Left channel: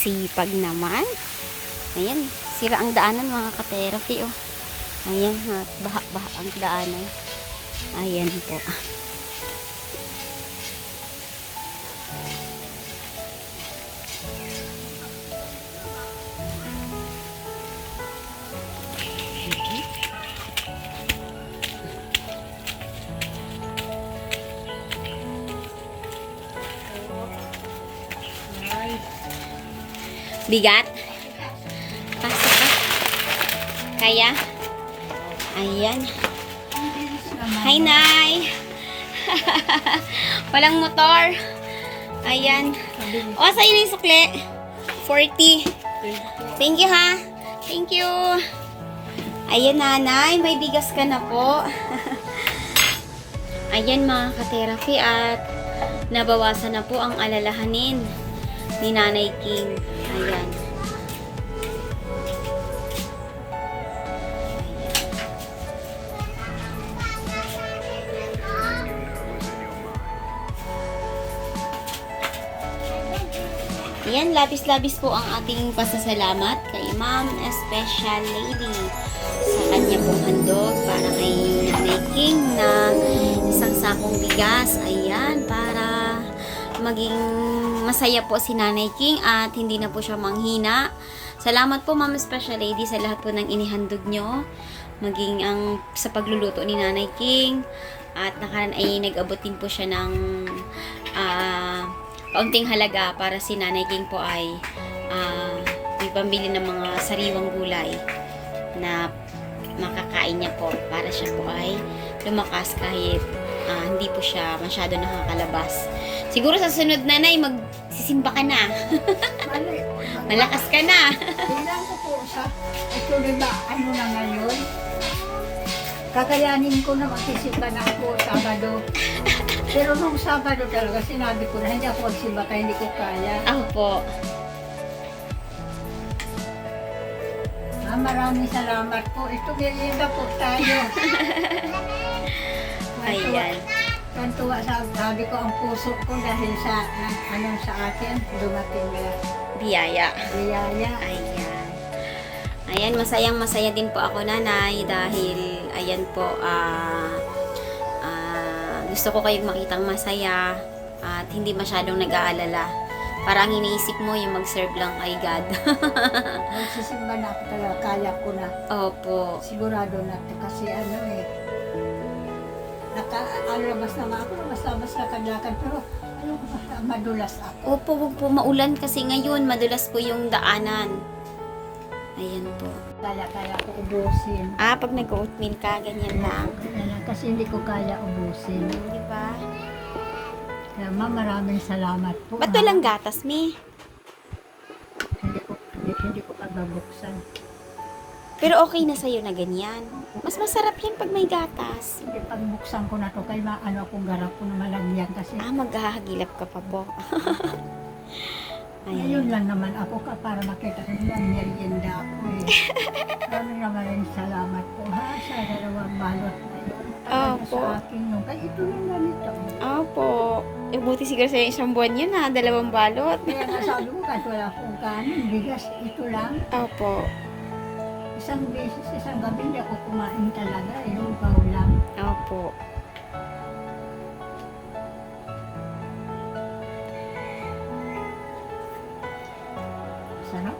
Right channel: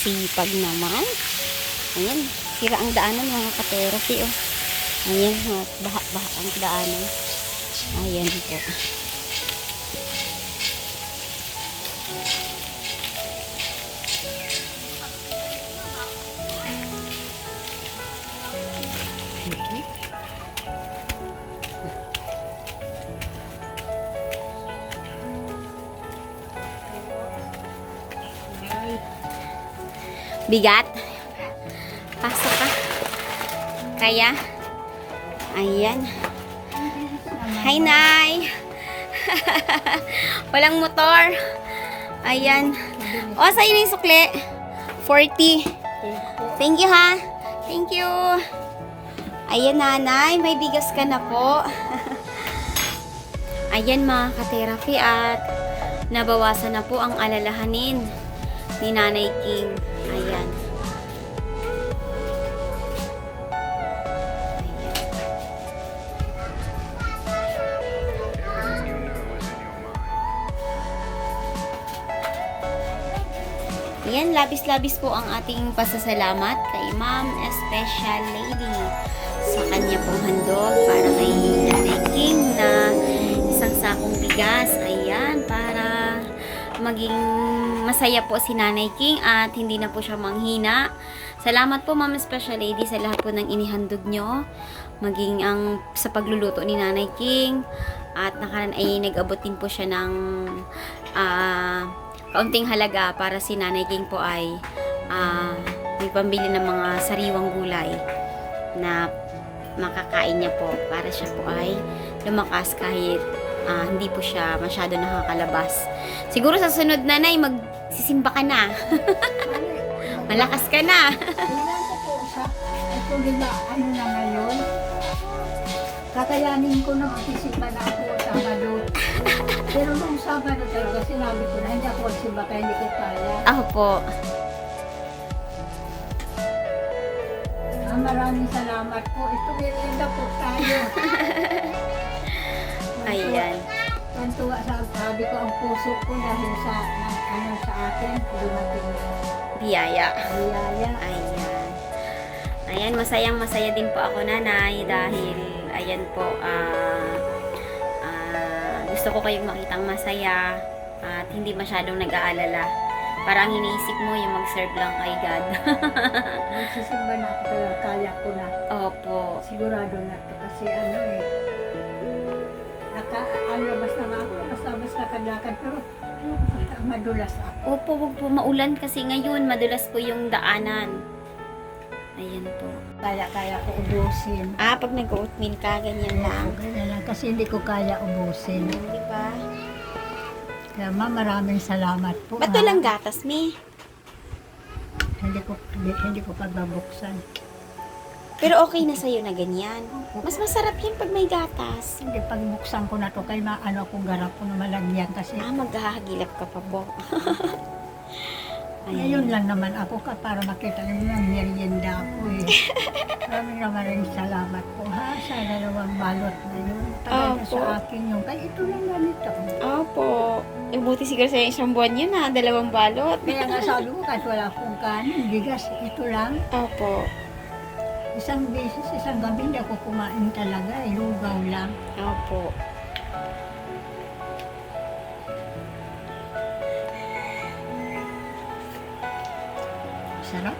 sipag naman. Ayan, sira ang daanan mga ka-therapy, oh. Ayan, baha-baha ang daanan. Ayan po. Bigat? Pasok ka. Kaya? Ayan. Hi, Nay. Walang motor. Ayan. O, sa'yo na yung sukli. 40. Thank you, ha. Thank you. Ayan, Nanay. May bigas ka na po. Ayan, mga ka-therapy, at nabawasan na po ang alalahanin ni Nanay King. Ayan. Ayan, labis-labis po ang ating pasasalamat kay Ma'am Special Lady sa kanya pong handog para kay Nanay King na isang sakong bigas. Ayan, para maging masaya po si Nanay King at hindi na po siya manghina. Salamat po Ma'am Special Lady sa lahat po ng inihandog nyo, maging ang sa pagluluto ni Nanay King, at nakaraan ay nag-abot din po siya ng kaunting halaga para si Nanay King po ay may pambili ng mga sariwang gulay na makakain niya po para siya po ay lumakas kahit hindi po siya masyado nakakalabas. Siguro sa sunod, Nanay, magsisimba ka na. Malakas ka na. Tingnan ko po sa, ito diba, ano na ngayon? Kakayanin ko na magsisimba na ako Sabado. Pero nung Sabado talaga, sinabi ko na hindi ako magsimba kaya hindi ko kaya. Ako po. Maraming salamat po. Ito, merienda po tayo. Ayan. Tantuwa sabi ko ang puso ko dahil sa sa akin, dumating na Biyaya. biyaya. Ayan. Ayan, masayang-masaya din po ako, Nanay, dahil, ayan po, gusto ko kayong makitang masaya at hindi masyadong nag-aalala. Parang iniisip mo yung mag-serve lang kay God. Magsisimba na ako talaga, kaya ko na. Opo. Sigurado na to kasi nakalabas na nga ako, labas lakad-lakad, pero ayoko pa, madulas ako. Opo, wag po maulan kasi ngayon, madulas po yung daanan. Ayan po. Kaya ko ubusin. Pag nag-oatmeal ka, ganyan lang. Ganyan lang, kasi hindi ko kaya ubusin. Di ba? Kaya maraming salamat po. Ba't walang gatas, Mi? Hindi ko pa babuksan. Pero okay na sa'yo na ganyan. Mas masarap yan pag may gatas. Hindi, pag buksan ko na to, kaya akong garap ko na malagyan kasi. Maghahagilap ka pa po. Ngayon lang naman ako para makita nyo ang merienda ako eh. Maraming salamat po ha, sa dalawang balot na yun. Talaga Opo. sa akin yung, kaya ito lang ganito. Opo. Buti siguro sa isang buwan yun, 2 balot. Kaya nga sabi ko, kahit wala akong kanin, bigas, ito lang. Opo. Isang beses, isang gabi hindi ako kumain talaga eh, lugaw lang. Opo. Sarap.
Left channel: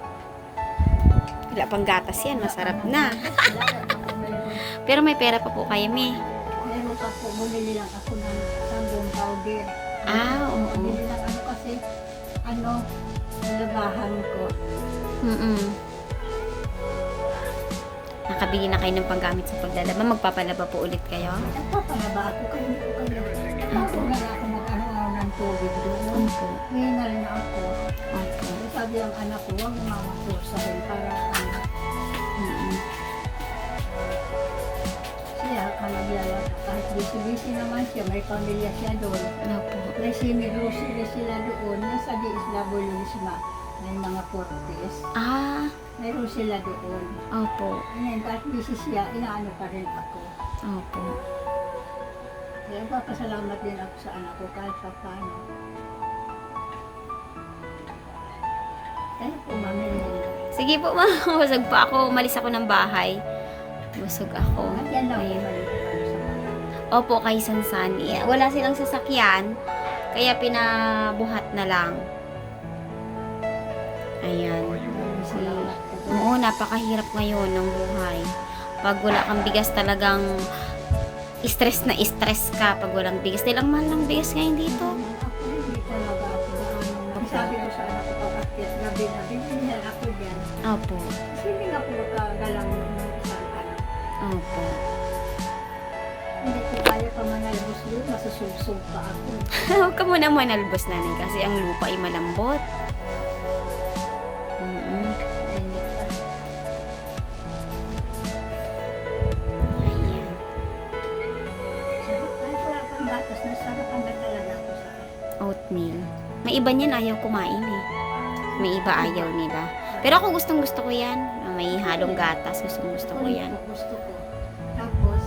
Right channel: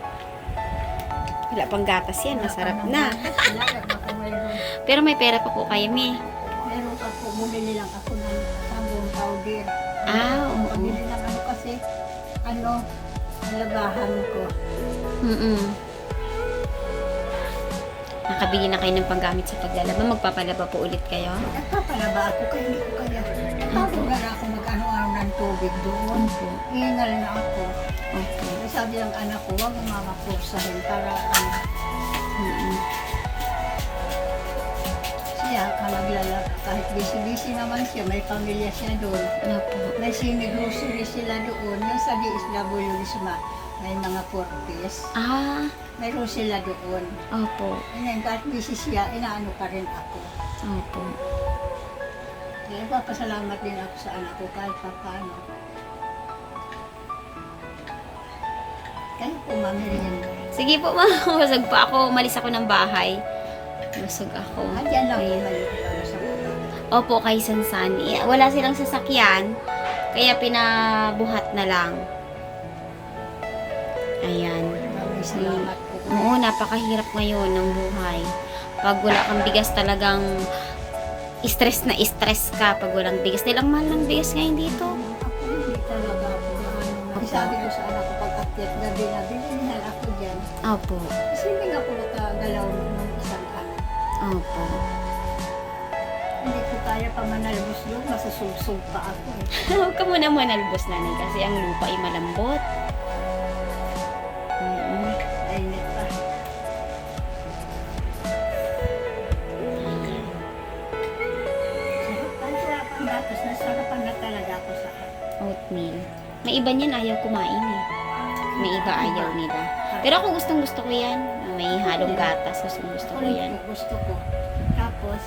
Wala pang gatas yan, masarap na. Wala pa po mayroon. Pero may pera pa po kayo, Mi. Meron pa po, bumili lang ako ng sabon powder. Oo. Bumili lang kasi, nalabahan ko. Nakabili na kayo ng panggamit sa paglalaba. Magpapalaba po ulit kayo? Nagpapalaba ako kaya hindi ko kaya. Napagod na ako mag-ano ng tubig doon. Opo. Hingal na ako. Opo. Kaya sabi ng anak ko, huwag mo mamakursahin para siya naglalaba. Kahit busy-busy naman siya, may pamilya siya doon. Opo. May semi-grocery sila doon. Yung sa DSW may mga portis. Mayroon sila doon. Opo. Ngayon, kahit busy siya, inaano pa rin ako. Opo. Kaya papasalamat din ako sa anak ko kahit pa paano. Kayo po, mamerienda. Sige po, ma. Busog pa ako. Umalis ako ng bahay. Busog ako. Diyan lang po Ayan. kayo para sa baba. Opo, kay Sansan. Wala silang sasakyan. Kaya pinabuhat na lang. Ayan. Maraming salamat po. Oo, napakahirap ngayon ng buhay. Pag wala kang bigas talagang stress na stress ka pag walang bigas. Dahil ang mahal ng bigas ngayon dito. Ako hindi talaga ako gaano. Opo. Sabi ko sa anak ko pag akyat gabi na, binigyan ako dyan. Opo. Kasi hindi nga po makagalaw ng isang ano. Opo. Hindi ko kaya pa manalbos doon, masusubsob pa ako eh. Huwag ka muna manalbos, nanay, kasi ang lupa ay malambot. Mainit pa. Ayan. Sarap kahit wala pang gatas, nasarapan na talaga ako sa akin. Oatmeal. May iba niyan ayaw kumain eh. May iba ayaw nila. Pero ako gustong gusto ko yan. Na may halong gatas. Gustong gusto ko yan. Gusto ko. Tapos,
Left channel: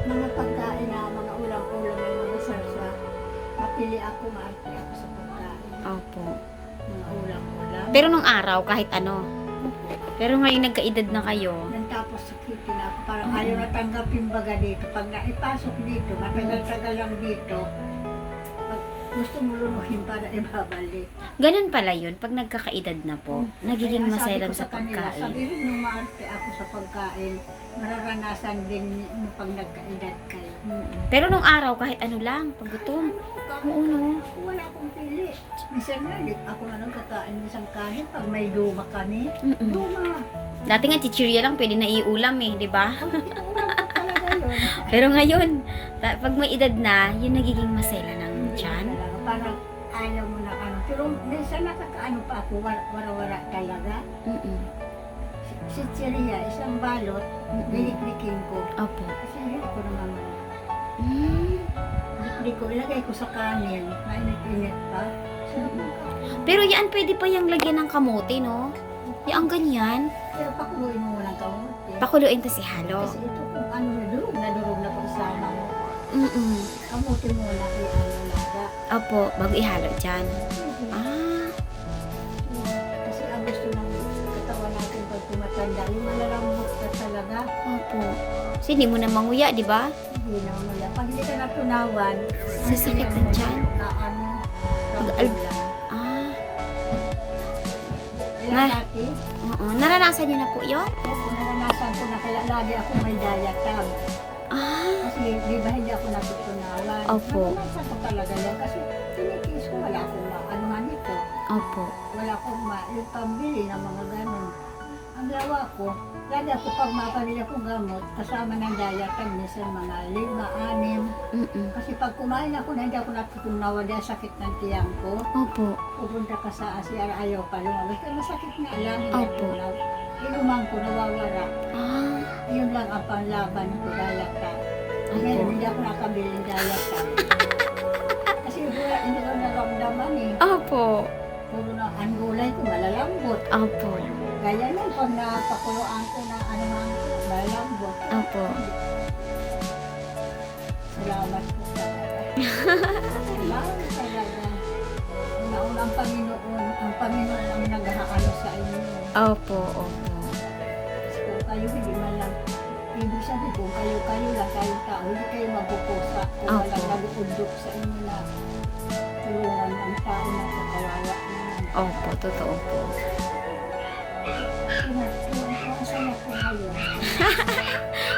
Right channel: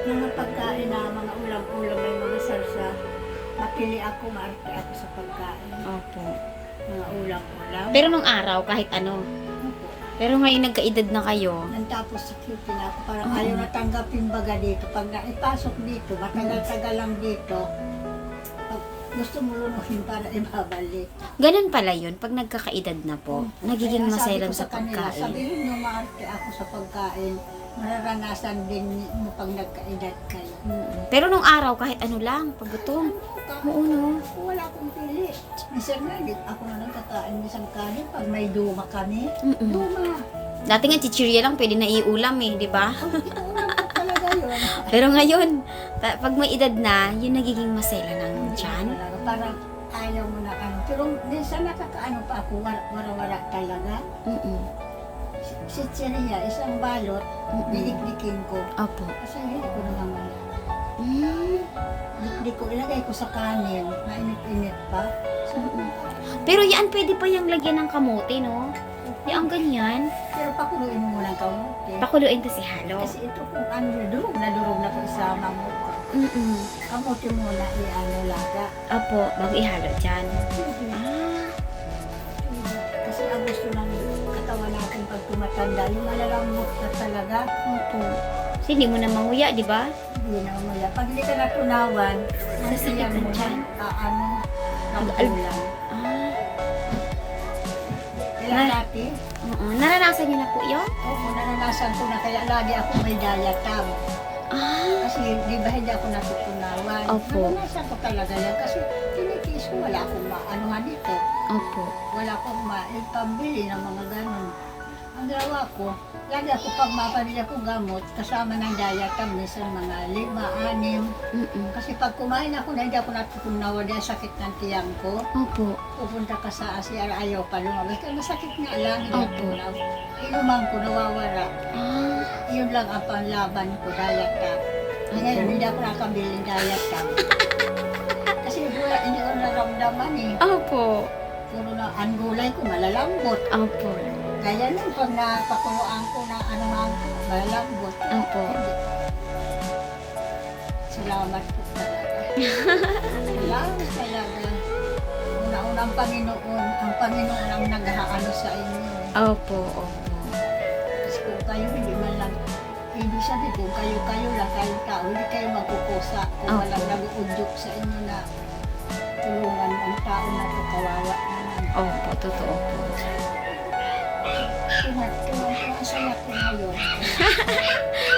mga pagkain na mga ulam-ulam, may mga sarsa, mapili ako, maarte ako sa pagkain. Opo. Mga ulam-ulam. Pero nung araw, kahit ano. Opo. Pero ngayon nagkaedad na kayo. Nang tapos sakitin ako, parang Oo. ayaw na tanggapin baga dito. Pag naipasok dito, matagal-tagal lang dito, pag gusto mo lunuhin para ibabalik. Ganun pala yun. Pag nagkakaedad na po, nagiging Kaya sabi maselan ko sa kanila, pagkain. sabihin nyo maarte ako sa pagkain, mararanasan din mo pag nagkaedad kayo. Pero nung araw, kahit ano lang, pag gutom. Oo, no? Ako wala akong pili. Minsan nga, ako na nagkakain isang kanin pag may duma kami. Mm-mm. Duma. Dati nga, chichirya lang, pwede na iulam eh, di ba? Pag iulam ko talaga yun. Pero ngayon, pag may edad na, yun nagiging masela ng Hindi tiyan. talaga. Parang ayaw mo na ano. Pero minsan nakakaano pa ako, wara-wara talaga. Si Cheria, isang balot, binikdikin ko. Opo. Kasi hindi ko naman wala. Mm. Dikdik ko, ilagay ko sa kanin, mainit-init pa. Sarap ng kanin. Pero yan, pwede pa yung lagyan ng kamote, no? Yung ganyan. Pero pakuluin mo muna ang kamote. Pakuluin kasi halo. Kasi ito kung ano, durog na ko isama mo. Mm-mm. Kamote muna i-ano laga. Opo, bago ihalo dyan. Ah, Kasi ang gusto ng katawan natin pag tumatanda, yung malalambot na talaga, opo. Kasi hindi mo na manguya, di ba? hindi na mamaya. Pag hindi ka natunawan, ang Sasakit siyan ang mo tiyan. na, ano, Mag- rambulan. Ah, Ilang dati, oo. Naranasan niyo na po yun? opo, naranasan ko na, kaya lagi ako may diatab. Ah, Kasi di ba hindi ako natutunawan. Opo. Naranasan ko talaga yan kasi tinitiis ko, wala akong maanuhan dito. opo. Wala akong maipambili ng mga ganon. Ang gawa ko, lagi ako pag mapamili akong gamot, kasama ng diatam, minsan mga 5, 6. Mm-mm. Kasi pag kumain ako na hindi ako natutunawan dahil sakit ng tiyang ko, Opo. pupunta ka sa ASEAN, ayaw pa lumabas. Kaya masakit nga lang, hindi Opo. tunaw. Inuman ko, nawawala. Ah, Yun lang ang panlaban ko, diatam. Ngayon, opo. hindi ako nakabiling diatam. Kasi wala, hindi ko naramdaman eh. Opo. Puro na ang gulay ko, malalambot. Opo. Gaya nun, pag napakuluan ko na anuhan ko, malalambot. Opo. Salamat po talaga. Salamat talaga. Una-una ang Panginoon ang naghaano sa inyo. Opo, opo. Kasi kung kayo hindi man lang, ibig sabihin kung kayo lang, kayong tao, hindi kayo magkukusa kung Opo. walang nag-uudyok sa inyo na tulungan ang tao na to, kawawa naman. Opo, totoo po. Tuwa saya ko ngayon.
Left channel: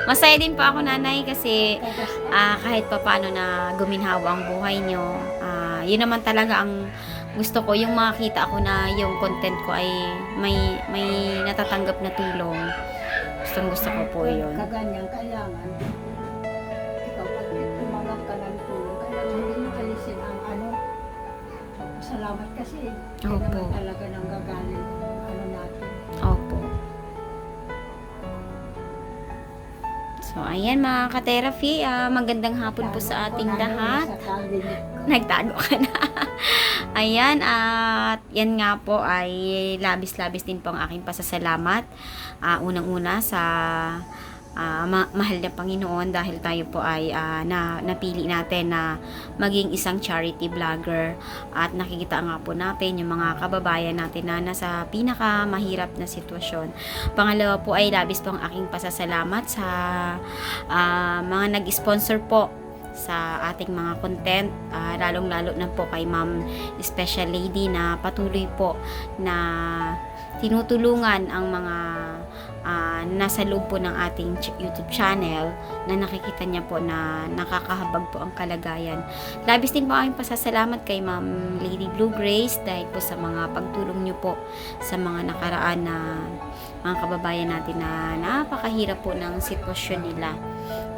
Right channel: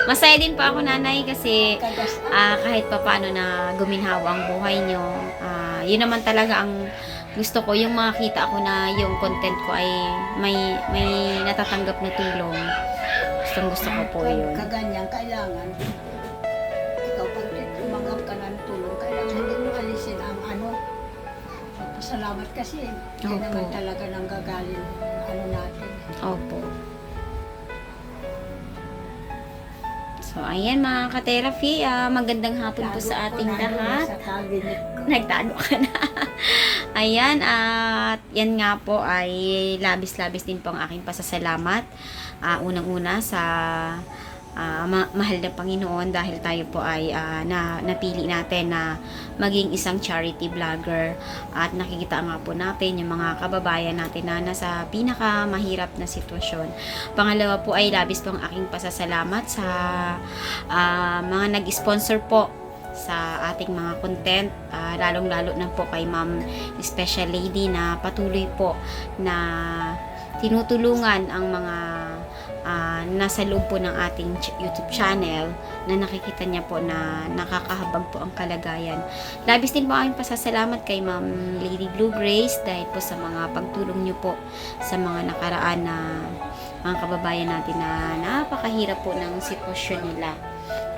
Masaya din po ako, nanay, kasi Kagas kahit pa paano na guminhawa ang buhay nyo, yun naman talaga ang gusto ko, yung makita ko na yung content ko ay may natatanggap na tulong. Gusto ko po yun. Kaganyan, kailangan, ikaw pag tumanggap ka ng tulong, kailangan hindi mo alisin ang ano. Pasalamat kasi, hindi Opo. naman talaga nang gagaling ang ano natin. Opo. So, ayan mga ka-therapy, magandang hapon po sa Tago ating ko na doon lahat. Sa cabinet ko. Nagtago ka na. Ayan, at yan nga po ay labis-labis din po ang aking pasasalamat. Unang-una sa mahal na Panginoon dahil tayo po ay napili natin na maging isang charity vlogger at nakikita nga po natin yung mga kababayan natin na nasa pinakamahirap na sitwasyon. Pangalawa po ay labis po ang aking pasasalamat sa mga nag-sponsor po sa ating mga content, lalong-lalo na po kay Ma'am Special Lady na patuloy po na tinutulungan ang mga nasa loob po ng ating YouTube channel na nakikita niya po na nakakahabag po ang kalagayan. Labis din po aking pasasalamat kay Ma'am Lady Blue Grace dahil po sa mga pagtulong niyo po sa mga nakaraan na mga kababayan natin na napakahirap po ng sitwasyon nila.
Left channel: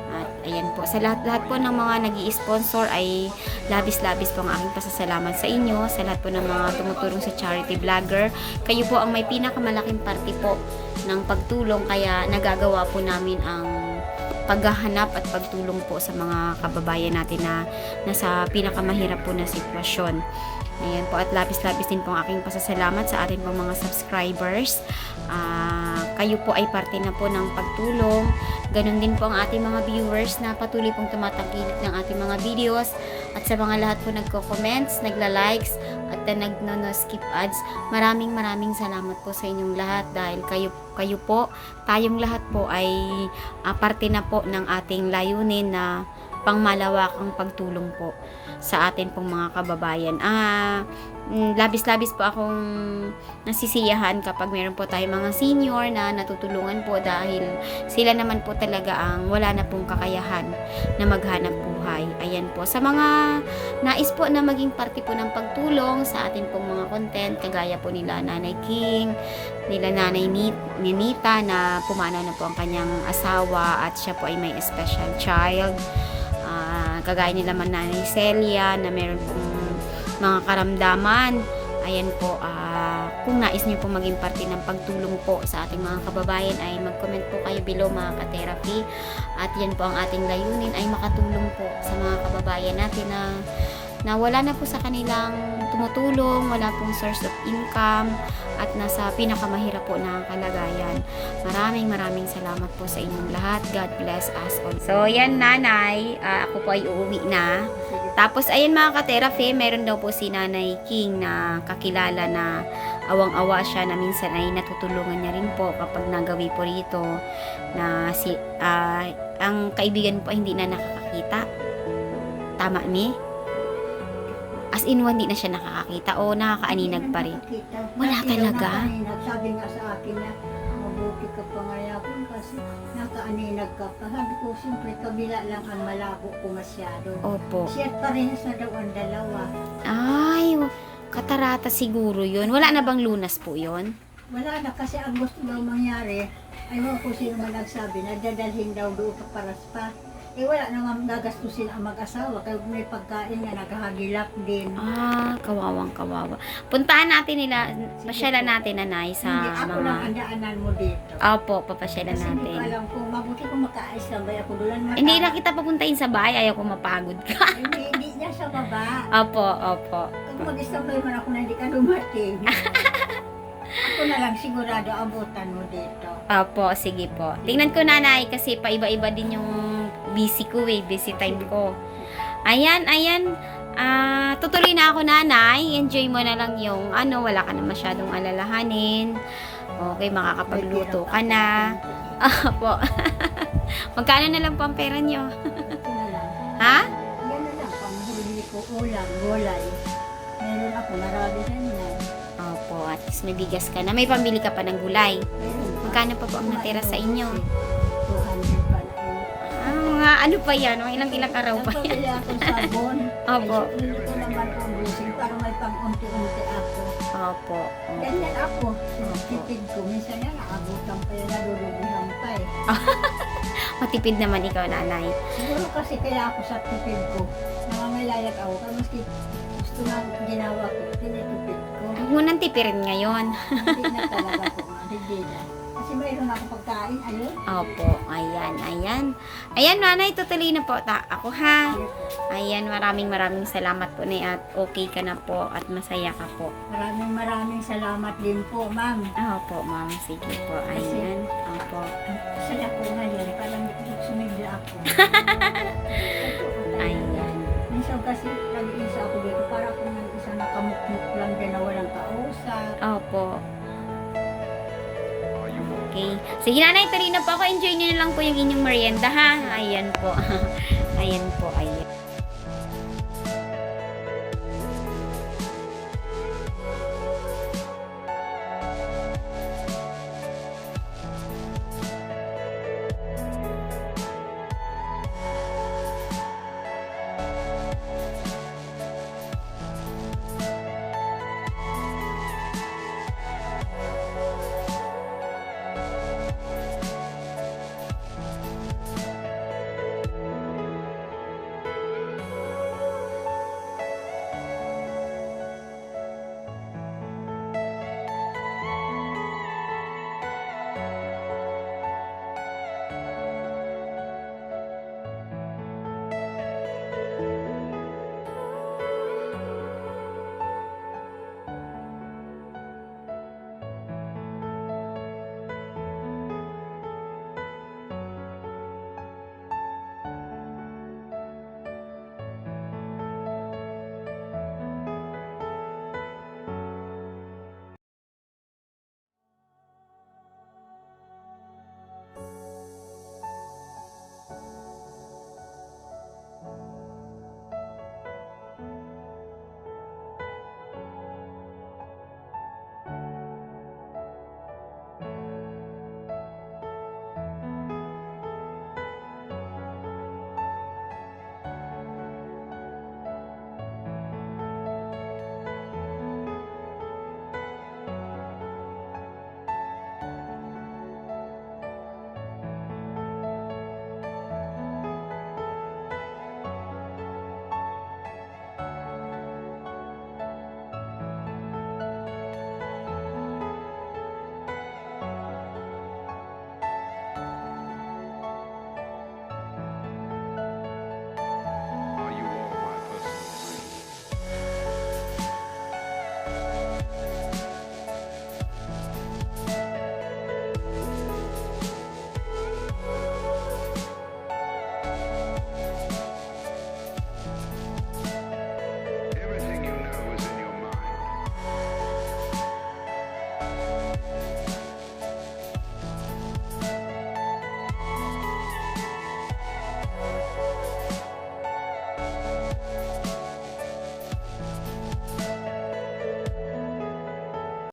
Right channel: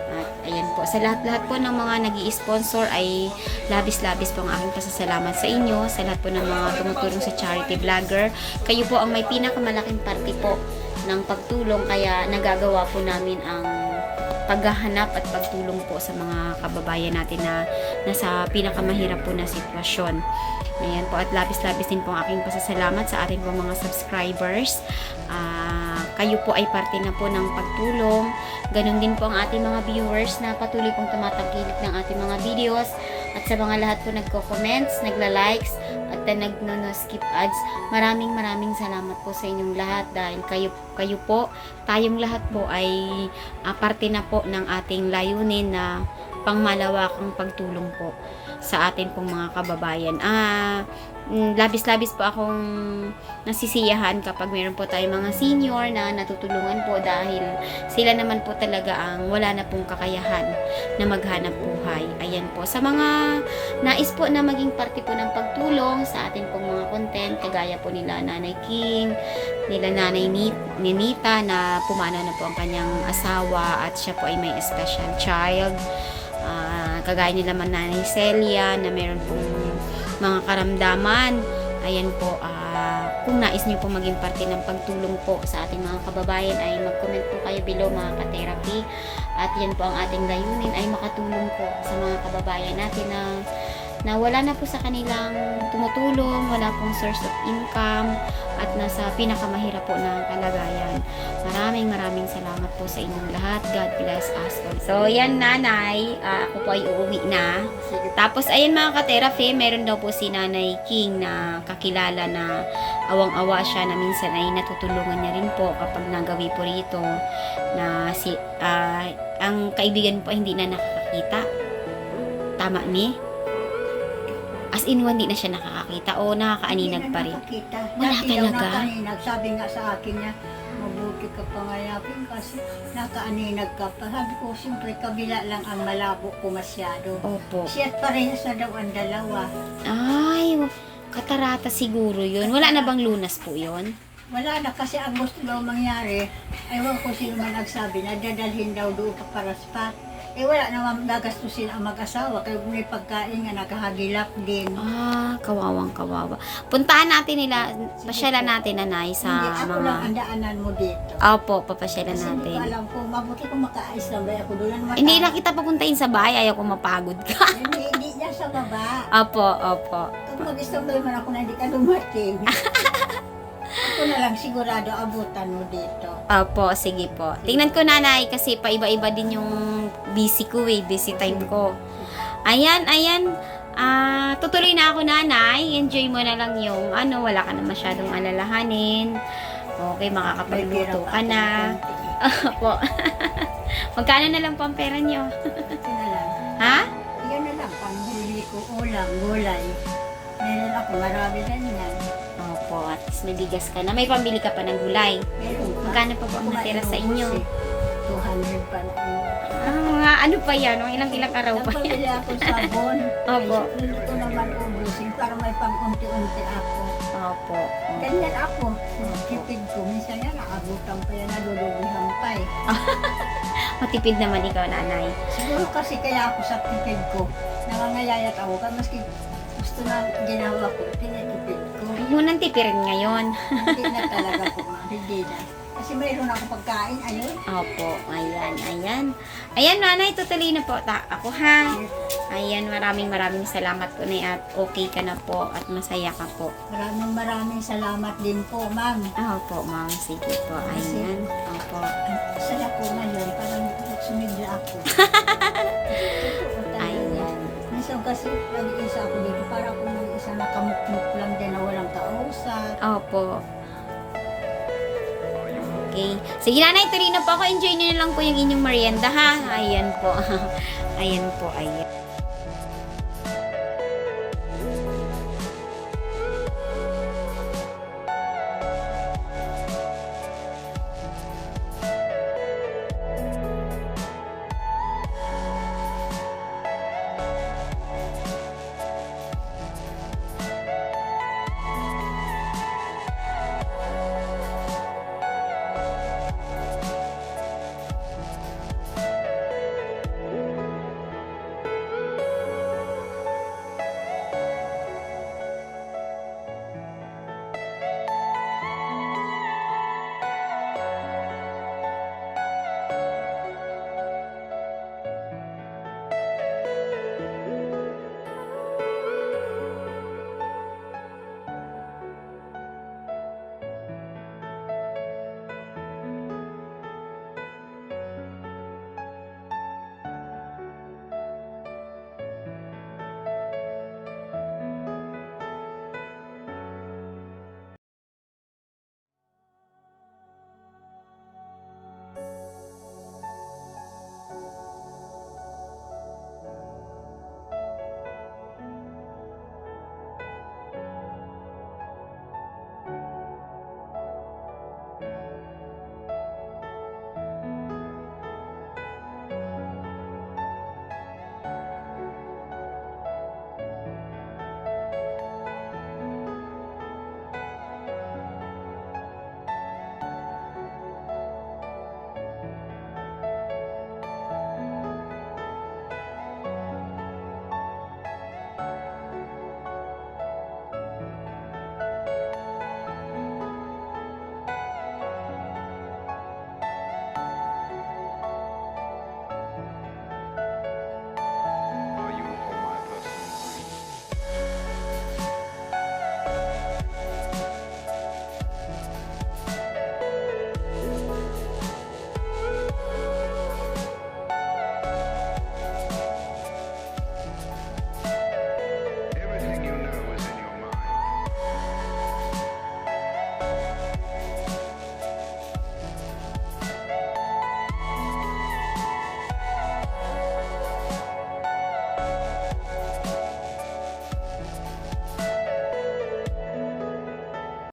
At ayan po, sa lahat-lahat po ng mga nag-i-sponsor ay labis-labis po ang aking pasasalamat sa inyo, sa lahat po ng mga tumutulong sa charity vlogger. Kayo po ang may pinakamalaking parte po ng pagtulong, kaya nagagawa po namin ang paghahanap at pagtulong po sa mga kababayan natin na nasa pinakamahirap po na sitwasyon. Ayan po, at labis-labis din po ang aking pasasalamat sa ating po mga subscribers. Kayo po ay parte na po ng pagtulong. Ganon din po ang ating mga viewers na patuloy pong tumatangkilik ng ating mga videos. At sa mga lahat po nagko-comments, nagla-likes, at nagno-skip ads, maraming salamat po sa inyong lahat dahil kayo po, tayong lahat po ay parte na po ng ating layunin na pangmalawakang pagtulong po sa atin pong mga kababayan. Labis-labis po akong nasisiyahan kapag meron po tayong mga senior na natutulungan po dahil sila naman po talaga ang wala na pong kakayahan na maghanap buhay. Ayan po. Sa mga nais po na maging parte po ng pagtulong sa atin pong mga content, kagaya po nila Nanay King, nila Nanay Ninita na pumanaw na po ang kanyang asawa at siya po ay may special child. Kagaya nila Nanay Celia na meron pong mga karamdaman. Ayan po, kung nais niyo po maging parte ng pagtulong po sa ating mga kababayan ay mag-comment po kayo below mga ka-therapy. At yan po ang ating layunin ay makatulong po sa mga kababayan natin na wala na po sa kanilang tumutulong, wala pong source of income at nasa pinakamahirap po na kalagayan. Maraming salamat po sa inyong lahat. God bless us all. So, yan Nanay, ako po ay uuwi na. Tapos, ayan mga ka-therapy, meron daw po si Nanay King na kakilala na awang-awa siya na minsan ay natutulungan niya rin po kapag nagawi po rito na ang kaibigan po ay hindi na nakakakita. Tama ni? As in, hindi na siya nakakakita o nakakaaninag pa rin? Wala talaga? Sabi nga sa akin niya, mabuti ka pangayapin kasi nakaaninag ka pa. Sabi ko, siyempre, kabila lang ang malabo ko masyado. Opo. Siya't parehas na daw ang dalawa. Ay, katarata siguro yun. Wala na bang lunas po yun? Wala na kasi ang gusto daw mangyari, ayaw ko sino man nagsabi na dadalhin daw doon pa para spa. Wala naman gagastusin ang mag-asawa kaya may pagkain nga nakahagilap din. Kawawang kawawa. Puntahan natin nila, pasyalan natin Nanay sa hindi, ako mga... lang ang daanan mo dito. Opo, papasyalan Kasi natin. hindi ko alam kung mabuti kung makaayos lang ba ako doon. Hindi lang kita papuntahin sa bahay, ayaw ko mapagod ka. hindi niya sa baba. Opo. Kung mag-istambay man ako na hindi ka dumating. Ako na lang sigurado abutan mo dito. Opo, sige po. Tingnan ko Nanay kasi paiba-iba din yung busy ko busy time ko. Ayan. Tutuloy na ako Nanay. Enjoy mo na lang yung wala ka na masyadong alalahanin. Okay, makakapagluto ka na. Opo. Magkano na lang po ang pera nyo? Ito na lang. Ha? Yan na lang, panghuli ko ulam, gulay. Meron ako, marami na yan. Opo, at least may bigas ka na. May pambili ka pa ng gulay. Meron pa. Magkano pa po ang natira sa inyo? 200 pa na yun. Ano pa yan? Ilang araw pa yan? Nagpabili ako sabon. Opo. Ay, hindi ko naman ubusin para may pang-unti-unti ako. Opo. Ganyan ako. Opo. Tipid ko. Minsan yan, naabutan pa yan, nadudubihan pa eh. Matipid naman ikaw Nanay. Siguro kasi kaya ako sa tipid ko. Nangangayayat ako. Kaya maski gusto na ginawa ko, tinitipid ko. Huwag mo nang tipirin ngayon. Hindi na talaga po, ma. Hindi na. Kasi mayroon ako pagkain, ayun. Opo, ayan, ayan. Ayan, nanay, tutuloy na po ako ha. Ayan, maraming salamat po na at okay ka na po at masaya ka po. Maraming salamat din po, ma'am. Opo, ma'am, sige po, ayan. Opo. Ang saya ko ngayon, parang sumigla ako. Totoo talaga. Ayan. Minsan kasi nag-iisa ako dito, para akong nag-isa nakamukmuk lang din na walang kausap. Opo. Okay. Sige, nanay, tuloy na po ako. Enjoy nyo na lang po yung inyong merienda, ha? Ayan po. Ayan po, ayan.